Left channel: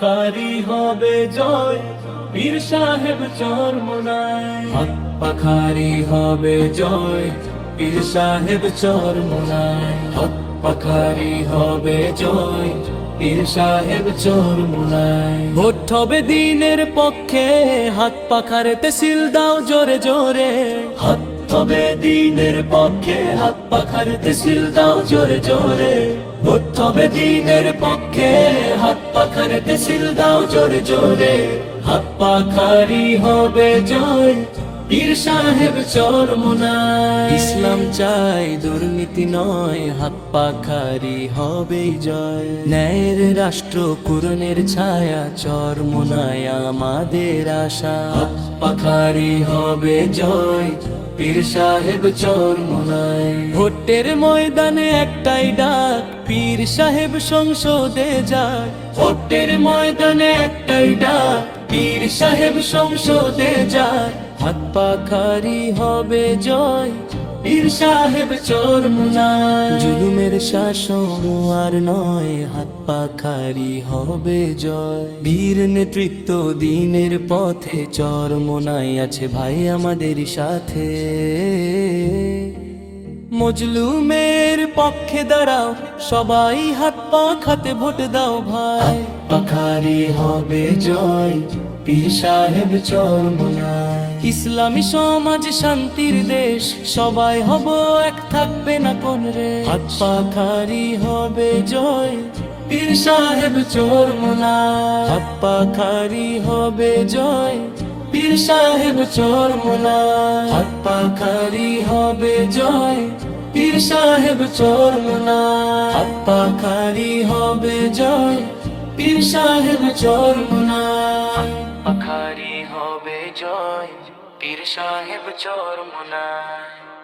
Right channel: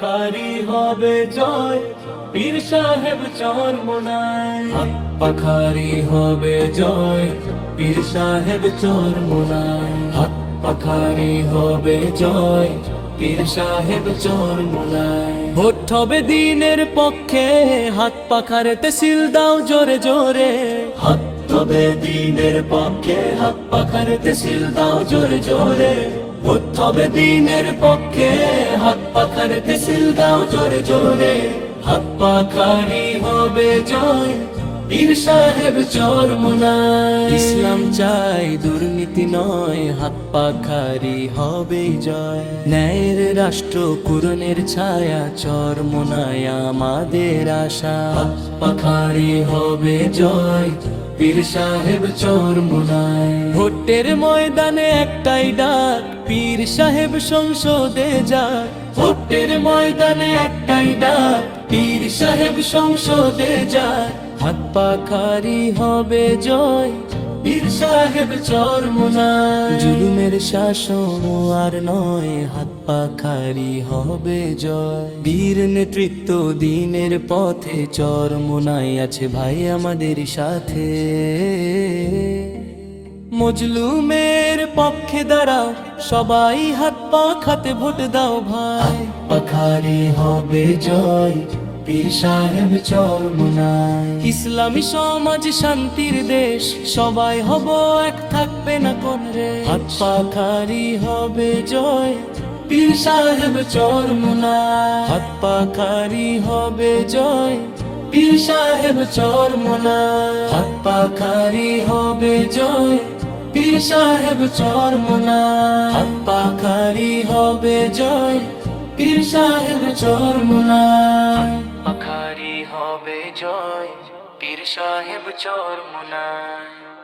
পাখারি হবে জয়, পীর সাহেব চরমোনাই। হক পাখারি হবে জয়, পীর সাহেব চরমোনাই। হক পাখারি হবে জয়, পীর সাহেব চরমোনাই। ভোট হবে দিনের পক্ষে, হাত পাখারেতে সিল দাও জোরে জোরে। হাত হবে দিনের পক্ষে, হাত পাখারেতে সিল দাও জোরে জোরে। ভোট হবে দিনের পক্ষে, হাত পাখারেতে সিল দাও জোরে জোরে। হাত পাখারি হবে জয়, পীর সাহেব চরমোনাই। ইসলাম চাই দুর্নীতি নয়, হাত পাখারি হবেই জয়। ন্যায়ের রাষ্ট্র কুরনের ছায়া, চরমোনাই আমাদের আশা। হাত পাখারি হবে জয়, পীর সাহেব চরমোনাই। ভোটের ময়দানে একটাই ডাক, পীর সাহেব সংসদে যায়। ভোটের ময়দানে একটাই ডাক, পীর সাহেব সংসদে যায়। হাত পাখারি হবে জয়, পীর সাহেব চরমোনাই। জুলুমের শাসন আর নয়, হাত পাখারি হবে জয়। বীর নেতৃত্ব দিনের পথে, চরমোনাই আছে ভাই আমাদের সাথে। মজলুমের পক্ষে দাঁড়াও, সবাই হাত পাখাতে ভোট দাও ভাই। পাখারি হবে জয়, পীর সাহেব চরমোনাই। ইসলামী সমাজ শান্তির দেশ, সবাই হব এক, থাকবে না কোন রে। হাত পাখারি হবে জয়, পীর সাহেব চরমোনাই। হাত পাখারি হবে জয়, পীর সাহেব চরমোনাই। হাত পাখারি হবে জয়, পীর সাহেব চরমোনাই। হাত পাখারি হবে জয়, পীর সাহেব চরমোনাই। পাখারি হবে জয়, পীর সাহেব চরমোনাই।